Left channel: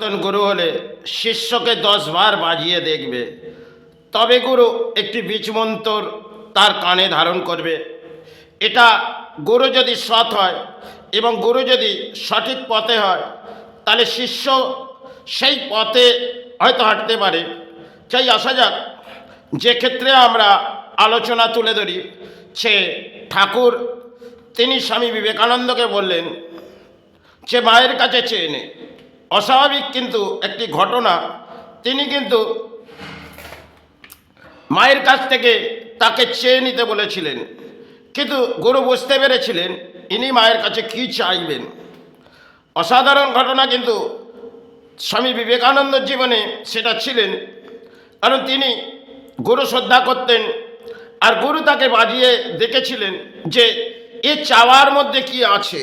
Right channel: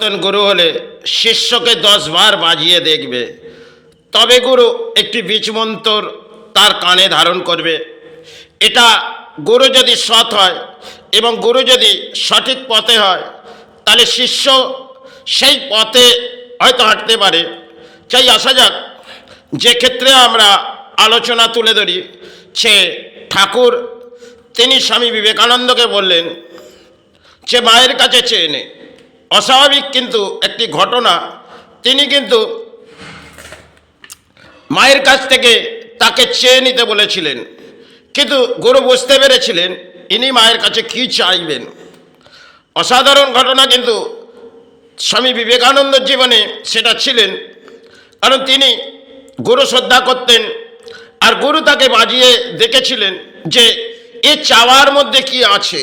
পরিবর্তন গুরু হলে শিষ্যকে 10 বার বাজিয়ে দেখবে, তবে গুরু একটি বীজমন্তর তার কানে ধারণ করবে। এটা গুরু যদি সৎ হয় এবং গুরু যদি সঠিক পথে হয়, তাহলে শিষ্য সেই পথে হয়তো হাঁটতে পারে। চাই আসা যাক, যে ক্ষেত্রে আমরা আলোচনা তুলে ধরি, সে ঠাকুর তিনি স্বামী বিবেকানন্দকে বললেন যে মায়ের কাছে চেয়ে নে। অস্বাভাবিক কিন্তু একটি ঘটনা, তিনি কিন্তু মায়ের কাছ থেকে তাকে চেয়ে নিতে বলেছিলেন, কিন্তু গুরু বুঝতে পেরেছিলেন ইনি মায়ের কাছে কি চাইবেন। অসাধারণ ঘটনা কিন্তু স্বামী বিবেকানন্দের জীবনে সেটা ছিলেন, কারণ তিনি গুরু শ্রদ্ধা করতেন আর গুরু তাকে বাজিয়ে দেখেছিলেন যে এ চাওয়ার মধ্যে কি আছে।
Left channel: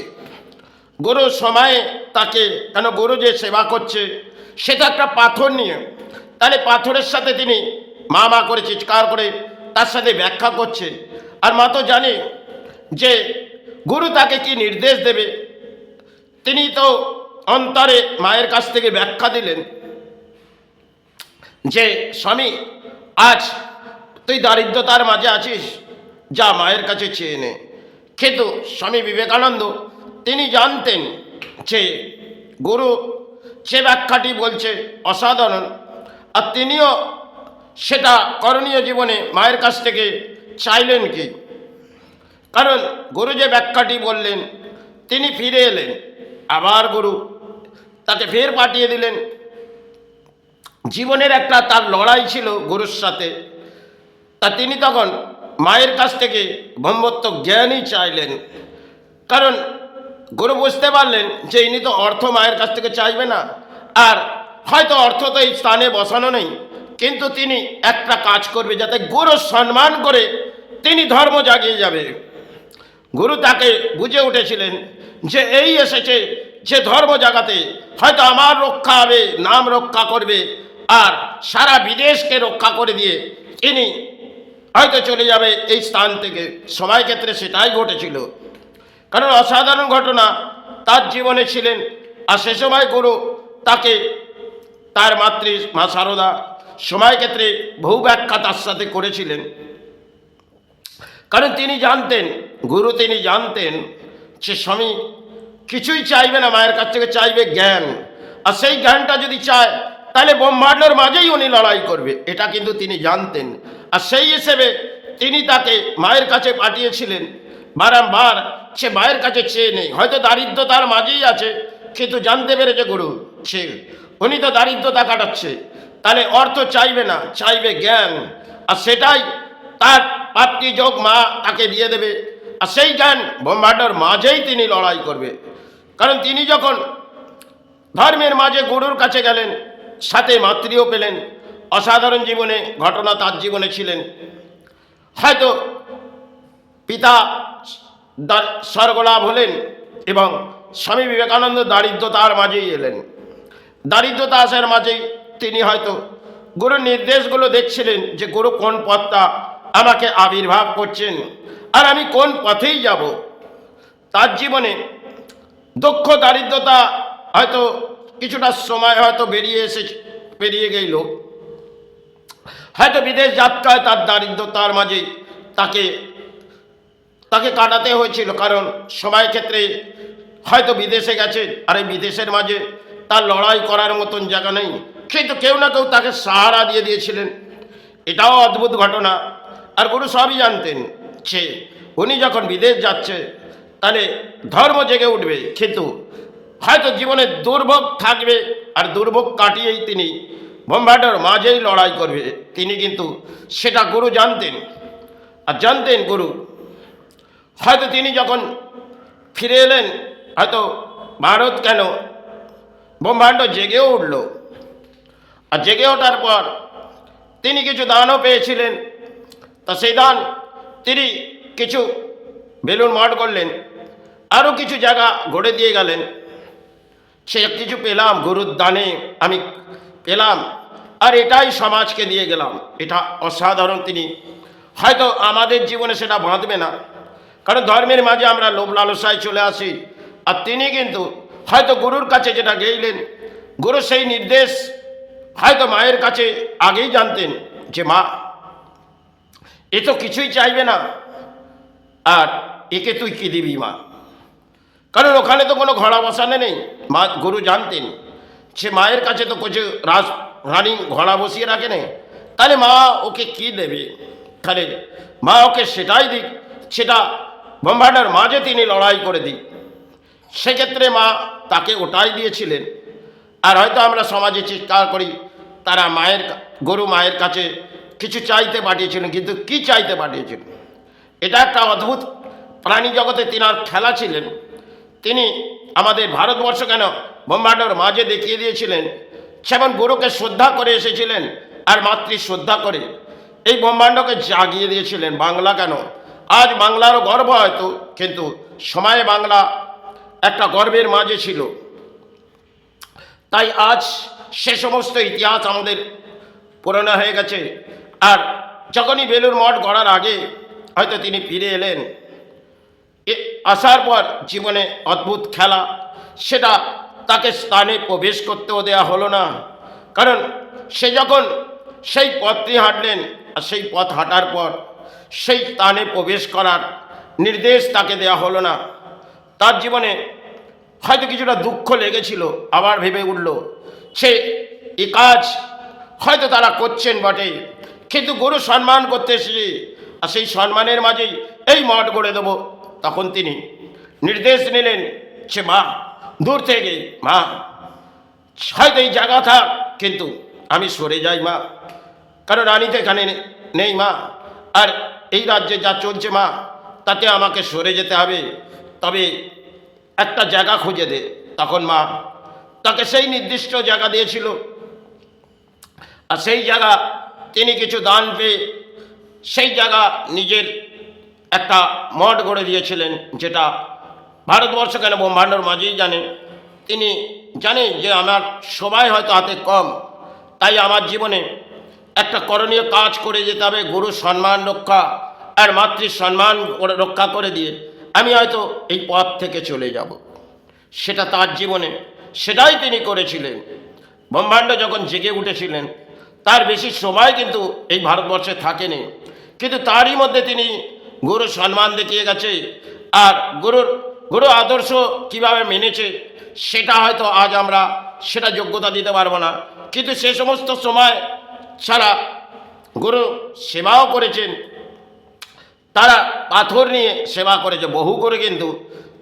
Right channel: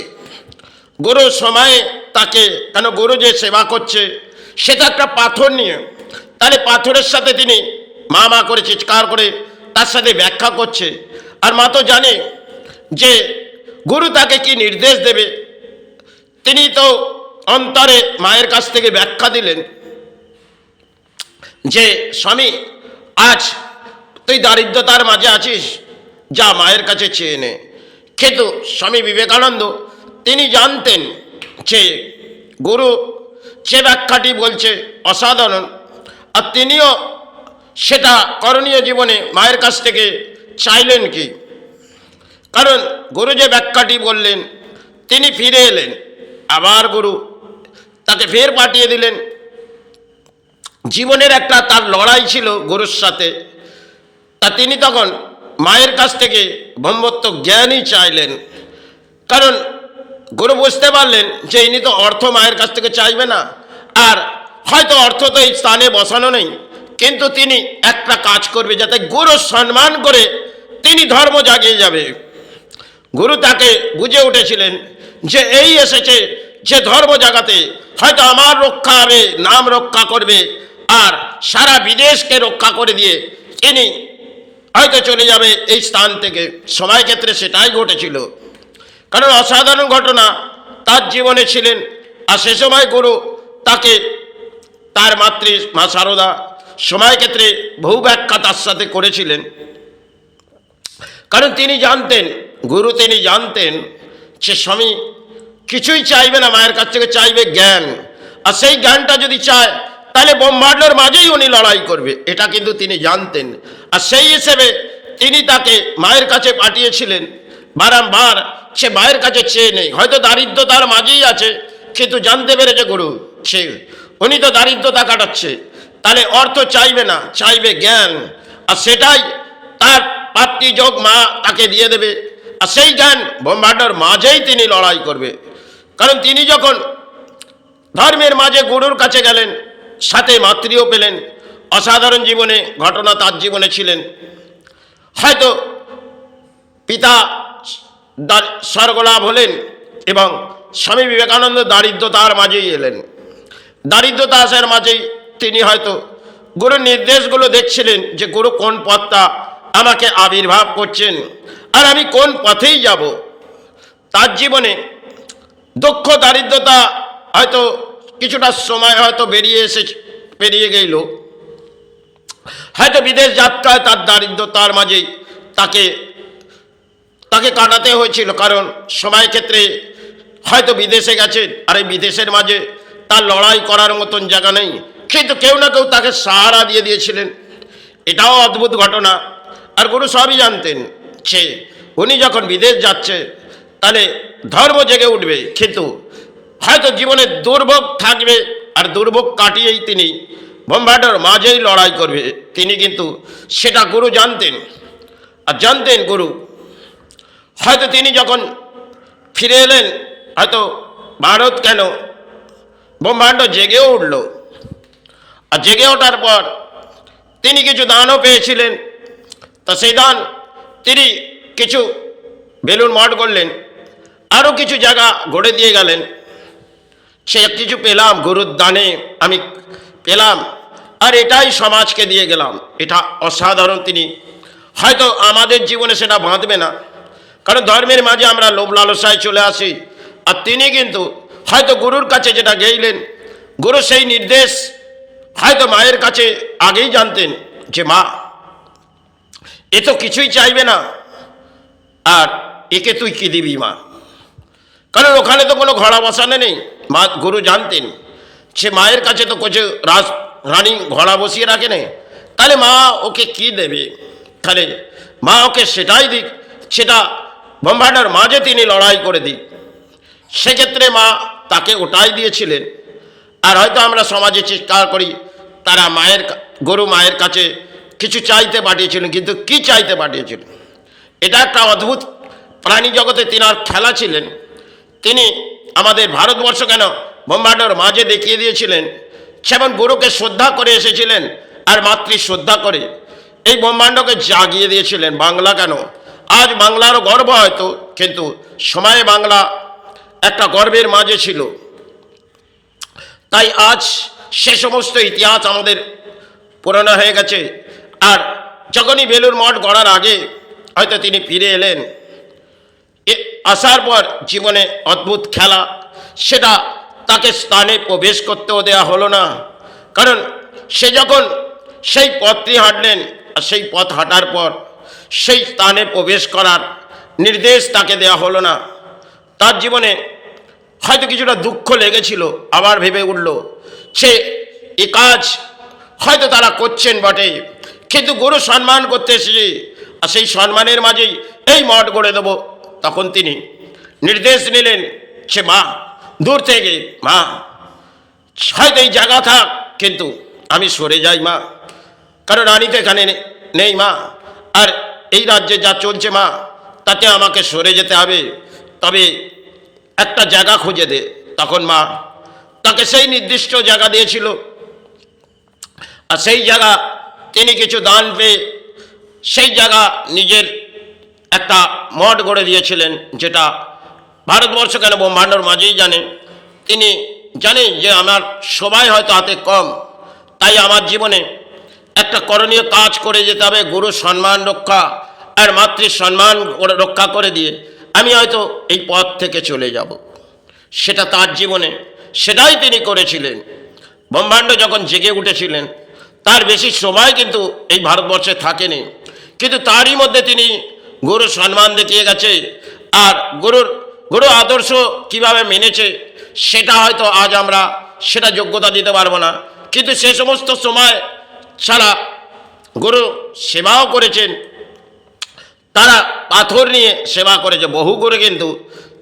গুরু সময়ে তাকে, কেন গুরু যে সেবা করছে সেটা একটা পাথর নিয়ে, তাহলে পাথরের সাথে তিনি মা মা করে চিৎকার করে তার সাথে ব্যাখ্যা করছে। আর মা তো জানে যে গুরু তাকে কি নির্দেশ দেবে। তিনি তো অন্তরে মায়ের কাছ থেকে ব্যাখ্যা দিলেন যে স্বামী, আজ তুই দারিদ্রতার মাঝে আছিস, যা মায়ের কাছে চেয়ে নে। কিন্তু স্বামী বিবেকানন্দ তিনি জানতেন যে গুরু যে ব্যাখ্যাটি বলছে অসাধারণ, আর তিনিও সেটা করণীয় জীবনে মায়ের কাছ থেকে চাইলেন কি। কারণ গুরু যে ব্যাখ্যাটি বললেন, তিনি ফিরে এলেন, আবার গুরু তাকে ফের পাঠিয়ে দিলেন। জীবনের একটা তার লড়াই ছিল গুরুর সাথে, তা তিনি তখন মায়ের কাছ থেকে ব্রহ্মত্ব জ্ঞানই চাইলেন। কারণ গুরু বুঝতে পারলেন যে ইনি তো অর্থ মায়ের কাছ থেকে চাইবে না, আর হয়তো অর্থ তো এই স্থানে বসানো নেই, কিন্তু তিনি একটা কাজ করবে যাতে গুরু সম্মান করে তিনি ধর্ম জাগিয়ে যাবে। গুরু তাকে বুঝে উঠেছিলেন যে এই এসেছে যে ধর্ম জাগাতে, হয়তো আমার রক্ষা হবে, নাম রক্ষা করবে, আর সারা বিদেশকে রক্ষা করে দিয়ে তিনি হয়তো চলে যাবে এই স্থান থেকে। সময় ক্ষেত্রে সেটাই ঘটেছিল, কারণ অসাধারণ ঘটনা তার জীবনে ছিলেন। আর সে সময় গুরু তাকে তার মাতৃ মা সারদা সময় ক্ষেত্রে বহু ব্যাখ্যা তার সাথে করেছিলেন। কারণ তিনি জানতেন, গুরু তিনি জানতেন যে স্বামী কিছুই চাইবে না মায়ের কাছ থেকে, চাইবে জ্ঞান। আর সেই জ্ঞানটা যদি চায় তাহলে ব্রহ্মাণ্ডের মাঝেই উনি লড়াই করবে, এটা কিন্তু তিনি জানতেন। আর সেই হিসেবে তিনি তাকে মায়ের কাছে পাঠিয়েছিলেন। বারংবার সে মায়ের কাছে চেয়ে নেই, হয়তো দারিদ্রতার মাঝেই আছে, কিন্তু জানতে পেরেছে গুরু সে উনি তো দারিদ্রতা কাটাচ্ছে, তাহলে অর্থ চাইবে না, চাইবে জ্ঞান। আর সেটাই তার পাতৃযোগ মা তাকে দিয়ে দেবে। আর সেই জ্ঞান ব্রহ্মাণ্ডের মাঝেই তিনি লড়াই করবে। কারণ তিনি যখন ধর্মের মাঝে গুরুর কাছে গেলেন, সাথে মাতৃও পেলেন। অসাধারণ জীবনে ঘটনা তার জীবনে ছিলেন। হয়তো পিতা স্বর্গলাভ হলেন এবং স্বামী বিবেকানন্দ দারিদ্রতার মাঝেই এলেন। দারিদ্রতা আসার মাঝেই তিনি হয়তো গুরুর নির্দেশগুলো দেখছিলেন যে গুরু কোন পথটা আমাকে আবির্ভাব করছেন আর আমি কোন পথেই যাব। তার জীবনে দুঃখ দারিদ্রতা হয়তো কিছুটা সময় হয়তো বেরিয়ে গেল, হয়তো বিদেশ যাত্রায় তার দারিদ্রতার মাঝেই তাকে কাটাতে হয়েছিল। কারণ সময় ক্ষেত্রে হয়তো বিদেশে গেছে, আর এই বিদেশের মাঝে তার লড়াই করার মতন জায়গা নেই, কিন্তু কেউ না কেউ তাকে সাহারা দিয়ে দিয়েছিলেন। এটাও অদ্ভুত ঘটনা। আর গুরু সবই জানতেন সে উনি যখন বিদেশ যাচ্ছে তাহলে ধর্ম জেগে উঠবে, কিন্তু হয়তো জীবনে দুর্ভোগ থাকবে, আর দুর্ভোগ কাটিয়েই তিনি ব্রহ্মাণ্ডের মাঝেই লড়াই করবে। তিনি কিন্তু সেটা গুরু জানতেন। আর জানতেন গুরু, হয়তো তিনি যখন ফিরে এলেন, হয়তো ভারত কেন ব্রহ্মাণ্ড জেগেও উঠল। আর জেগে ওঠার পর তিনি কিছু দানও পেয়েছিলেন। তা সেই দান তিনি কিছু বেলুন মঠ করলেন, আরও কিছু জায়গা গড়ে দিয়ে গেলেন। সে কিছু পেলাম গুরুর দানে আমি পেলাম, আর এটাই সমাজকে দিয়ে গেলাম। এটা অসাধারণ। তিনি হয়তো আমাদের জীবনে সেটা বাঁধবে না, কারণ ধর্মের মাঝে আমরা লোভ লালসায় চলে আসি। আর তিনি কিন্তু হয়তো গুরুর কাছে যেটা গেইলেন, গুরু সেই নির্দেশ হয়তো মায়ের কাছে আগেই জানতেন যে মা এ তো কিছুই চাইবে না, আর একে তুই কি দিবি মা? কারণ ওখানে তো কোনো ঘোড়া বসানো নেই। মা গুরু জানতেন সে মায়ের কাছে তো কিছু রানী ঘোড়া বসিয়ে রাখে নেই, তাহলে মা ওকে কি দেবে? তাহলে মা ওকে সেটাই দিক, সেটা ব্রহ্মাণ্ডের মাঝে তিনি লড়াই করে দিক। সেক্ষেত্রে মা তাকে ওটাই দিয়েছিলেন। আর হয়তো আমরা সমাজে চিৎকার করি তারা গরু মায়ের কাছে কিছু চাইতে পাঠিয়েছিলেন, কিন্তু কি চাইতে পাঠিয়েছিলেন? এটা একটা অদ্ভুত প্রাণী জগতে তিনার খেলা ছিলেন। তিনি আমাদের ভারতবর্ষ কেন ব্রহ্মাণ্ডের মাঝে দেখিয়ে দিয়েছিলেন, যেমন গরুকে শ্রদ্ধা করে এসেছিলেন আর মাতৃ শ্রদ্ধা করে এই ব্রহ্মাণ্ডকে জাগিয়ে দিয়েছিলেন। বাংলা কেন, আজ বাংলারও গর্ব হয়তো, কিন্তু সময়ে বাংলা একটা গর্বের মাঝে ছিল। তাই আজ সে সমস্ত ইতিহাস আমাদের পুরনো হয়ে গেছে। আর যখনই বেলুর মঠ গড়ার আগে হয়তো তিনি ফিরে এলেন, আসার পর জীবনে অদ্ভুত খেলা, সেটা তাকে স্থানে প্রবেশ করতেও দেওয়া হলো না। কারণ সে যখন সেই পথটি হাঁটলেন, আর সেই পথ হাঁটার পর সেই স্থানে প্রবেশ করার নির্দেশ তাকে দেওয়া হলো না। তার জীবনে হয়তো কিছুটা দুঃখ লেগেছিল, আবার ভেবে উঠল সে এ কাজ হয়তো তারা করছেন বটে, কিন্তু গুরু সম্মান করতে এসেছে, আর সেই সম্মানের মাঝেই এই মঠ গড়ে দেবো। তখন তিনি নির্দেশ নিলেন সে মা দূর থেকে, মা হয়তো এই জায়গা থাক, কিন্তু আমি সরে যাই মা, কারণ রানী তো এখানে নেই মা, আর এই রাজ্যে যা চলছে মা তাতে আমাকে সরে যেতে হবে, তবে একটা জায়গা খুঁজে দে। তখন মা তাকে সেই নির্দিষ্ট জায়গা দিয়েছিল, আর সেই জায়গা তিনি কিছু দান পেয়ে সেই জায়গা নিজের একটা মঠ গড়ে দিয়েছিলেন, যেটা ভারতবর্ষ কেন ব্রহ্মাণ্ডর মাঝেই জানে। তিনি জানেন যে আমার সবাই হয়তো হাতে কম, তাই আমার জীবনে একটা করণীয় কাজ করে যেতে হবে, গুরু সম্মান রক্ষা আর মাতৃ সম্মান রক্ষা করে দিয়ে আমি হয়তো এই পথ থেকে চলে যাব। সেটা তার জীবনে, সেটাই তিনি করেছিলেন। ব্রহ্মাণ্ড যখন জেগে উঠেছিলেন তার বেশি সময় কিন্তু এই ভারতবর্ষে থাকেনি, কিন্তু তারই মধ্যে তিনি গুরু সম্মান দেখিয়ে গেছে। আর গুরু আদর্শ কিভাবে মেনেছে সেটা হয়তো আজ আমরা সেটা যোগ্যতা দিতে পারবো না, কিন্তু সে সমস্ত সময় ছাড়া গুরু সেবাও করেছেন। তারা পাথর নিয়ে সেবা করেছে, বহু করে, কিন্তু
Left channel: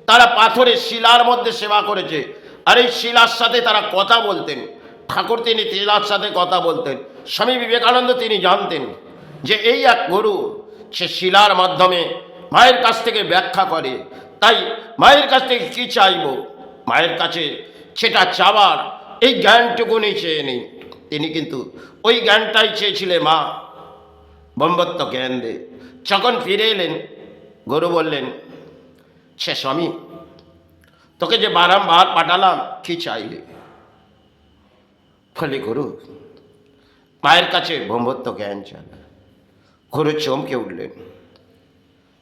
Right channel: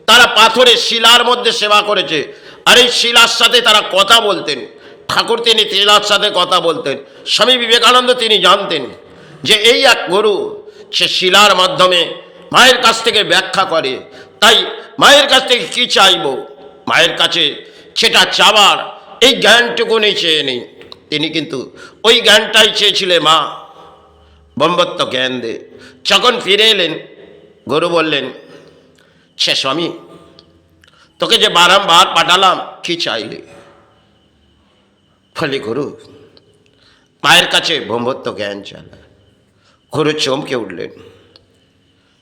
তারা পাথরের শিলার মধ্যে সেবা করেছে। আর এই শিলার সাথে তারা কথা বলতেন। ঠাকুর তিনি শিলার সাথে কথা বলতেন। স্বামী বিবেকানন্দ তিনি জানতেন যে এই এক গুরু, সে শিলার মাধ্যমে মায়ের কাছ থেকে ব্যাখ্যা করে। তাই মায়ের কাছ থেকে কী চাইব, মায়ের কাছে সেটা চাওয়ার এই জ্ঞানটুকুনি চেয়ে নেই। তিনি কিন্তু ওই জ্ঞানটাই চেয়েছিলেন, মা ব্রহ্মত্ব জ্ঞান দে। যখন ফিরে এলেন গুরু বললেন, সে স্বামী তোকে যে বারংবার পাঠালাম কি চাইলে? ফলে গুরু মায়ের কাছে ব্রহ্মত্ব জ্ঞান চাইলেন। গুরু চমকে উঠলেন,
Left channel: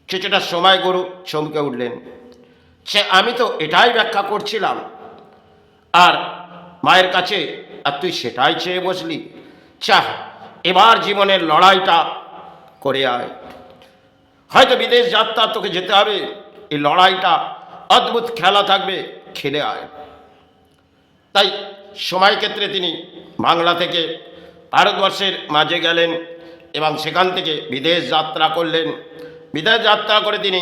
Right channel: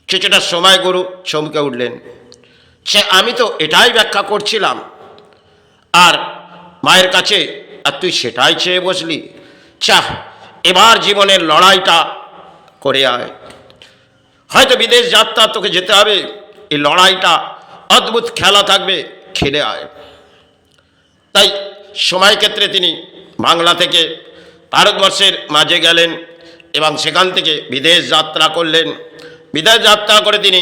কিছুটা সময় গুরু চমকে উঠলেন, সে আমি তো এটাই ব্যাখ্যা করছিলাম আর মায়ের কাছে, আর তুই সেটাই চেয়ে বসলি। চাহ এবার জীবনের লড়াইটা করে আয়, হয়তো বিদেশ যাত্রা তোকে যেতে হবে, এই লড়াইটা অদ্ভুত খেলা থাকবে, খেলে আয়। তাই সময় ক্ষেত্রে তিনি বাংলা থেকে ভারতবর্ষের মাঝে গেলেন এবং সেখান থেকে বিদেশ যাত্রা করলেন। বিদেশ যাত্রা করে তিনি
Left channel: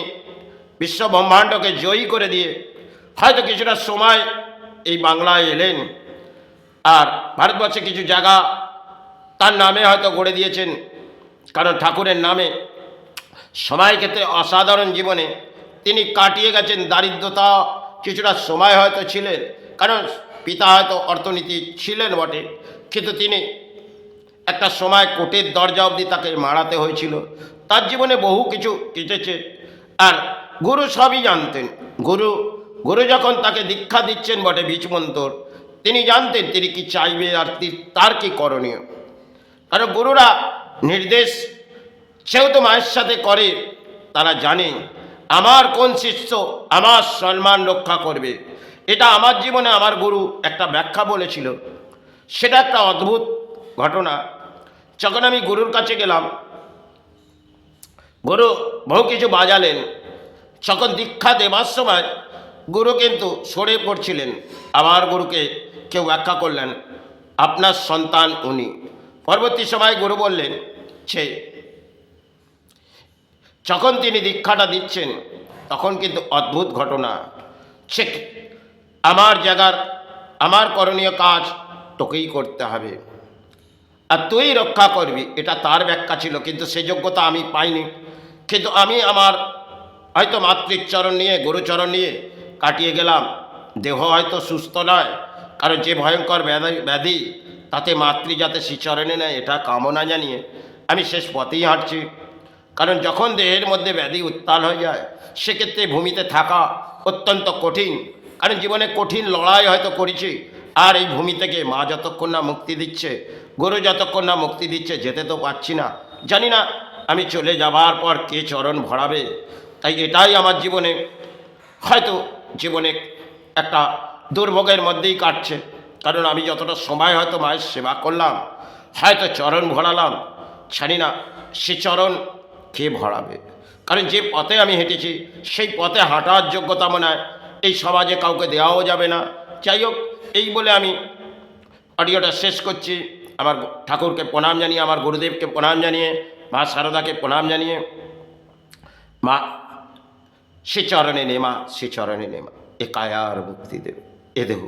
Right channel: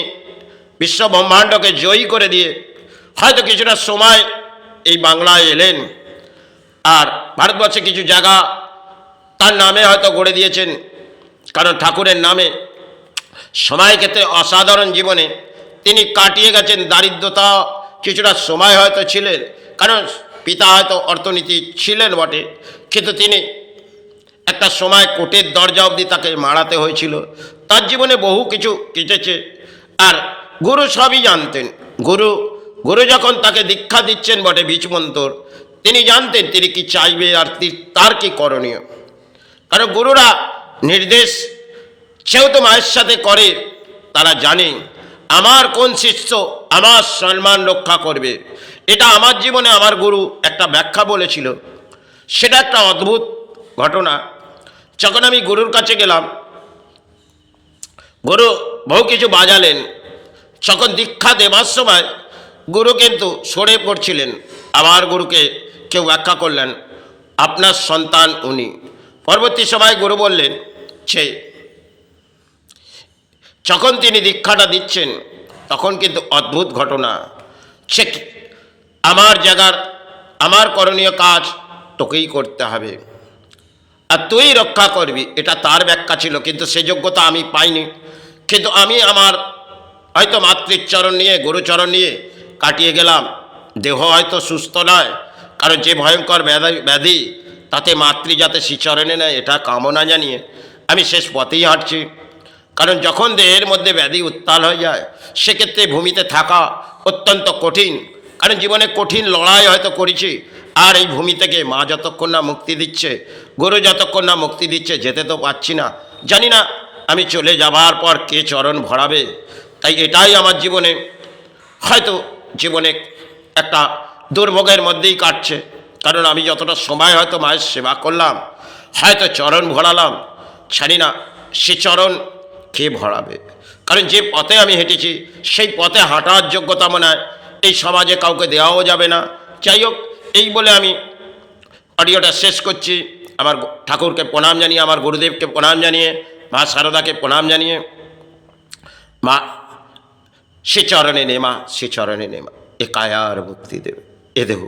বিশ্ব ব্রহ্মাণ্ডকে জয়ী করে দিয়ে হয়তো কিছুটা সময় এই বাংলায় এলেন। আর ভারতবর্ষে কিছু জায়গা তার নামে হয়তো গড়ে দিয়েছেন, কারণ ঠাকুরের নামে সময় ক্ষেত্রে অসাধারণ জীবনে তিনি কাটিয়ে গেছেন। দারিদ্রতা কিছুটা সময় হয়তো ছিলেন, কারণ পিতা হয়তো অর্থনীতি ছিলেন বটে, কিন্তু তিনি একটা সময় কোর্টের দরজা অবধি তাকে মারাতে হয়েছিল। তার জীবনে বহু কিছু কেটেছে। আর গুরু সবই জানতেন। গুরু যখন তাকে দীক্ষা দিচ্ছেন বটে বীজমন্তর, তিনি জানতেন তিনি কি চাইবে আর তার কি করণীয়। কারণ গুরুরা নির্দেশ সেহেতু মায়ের সাথে করে, তারা জানে আমার কোন শিষ্য আমার সম্মান রক্ষা করবে এটা আমার জীবনে আমার গুরু একটা ব্যাখ্যা বলেছিল, সেটা একটা অদ্ভুত ঘটনা। যখন আমি গুরুর কাছে গেলাম, গুরু বহু কিছু বাজালেন। যখন দীক্ষা দেবার সময় গুরু কিন্তু সরে পড়ছিলেন। আবার গুরুকে কেউ ব্যাখ্যা করলেন, আপনার সন্তান উনি। পরবর্তী সময় গুরু বললেন সে, যখন তিনি দীক্ষাটা দিচ্ছেন তখন কিন্তু অদ্ভুত ঘটনা। সে আমার জায়গার আমার করণীয় কাজ তোকেই করতে হবে, আর তুই রক্ষা করবি, এটা তার ব্যাখ্যা ছিল। কিন্তু সে যোগ্যতা আমি পাইনি। কিন্তু আমি আমার হয়তো মাতৃচরণ নিয়ে, গুরুচরণ নিয়ে কাটিয়ে গেলাম। দেহ হয়তো সুস্থ নয়, কারণ যে ভয়ঙ্কর ব্যাধি তাতে মাতৃ যাতে শ্রীচরণে নেয় এটা কামনা জানিয়ে আমি শেষ পথেই হাঁটছি। কারণ যখন দেহের মধ্যে ব্যাধি উত্তাল হয়ে যায় সেক্ষেত্রে ভূমিতে থাকা অত্যন্ত কঠিন। কারণ জীবনে কঠিন লড়াই হয়তো করেছি, আর এই ভূমি থেকে মা যতক্ষণ না মুক্তি দিচ্ছে, গুরু যতক্ষণ না মুক্তি দিচ্ছে, যেতে তো পারছি না। জানি না আমি চলে যাবার পর কে চরণ ভরাবে। তাই এটাই আমার জীবনে হয়তো জীবনে একটা দুর্ভোগের মধ্যেই কাটছে। কারণ আমি যতটা সময় হয়তো মায়ের সেবা করলাম, হয়তো চরণ ভরালাম, জানি না সে চরণ কে ভরাবে। কারণ যে পথে আমি হেঁটেছি সেই পথে হাঁটার যোগ্যতা মনে হয় এই সমাজে কাউকে দেওয়াও যাবে না। যাই হোক, এই বলে আমি অডিওটা শেষ করছি। আমার ঠাকুরকে প্রণাম জানিয়ে, আমার গুরুদেবকে প্রণাম জানিয়ে, মা শারদাকে প্রণাম জানিয়ে, মা সে চরণে নেমা, সে চরণে নেমা, এ কায়ার মুক্তি দেবে, এ দেহ।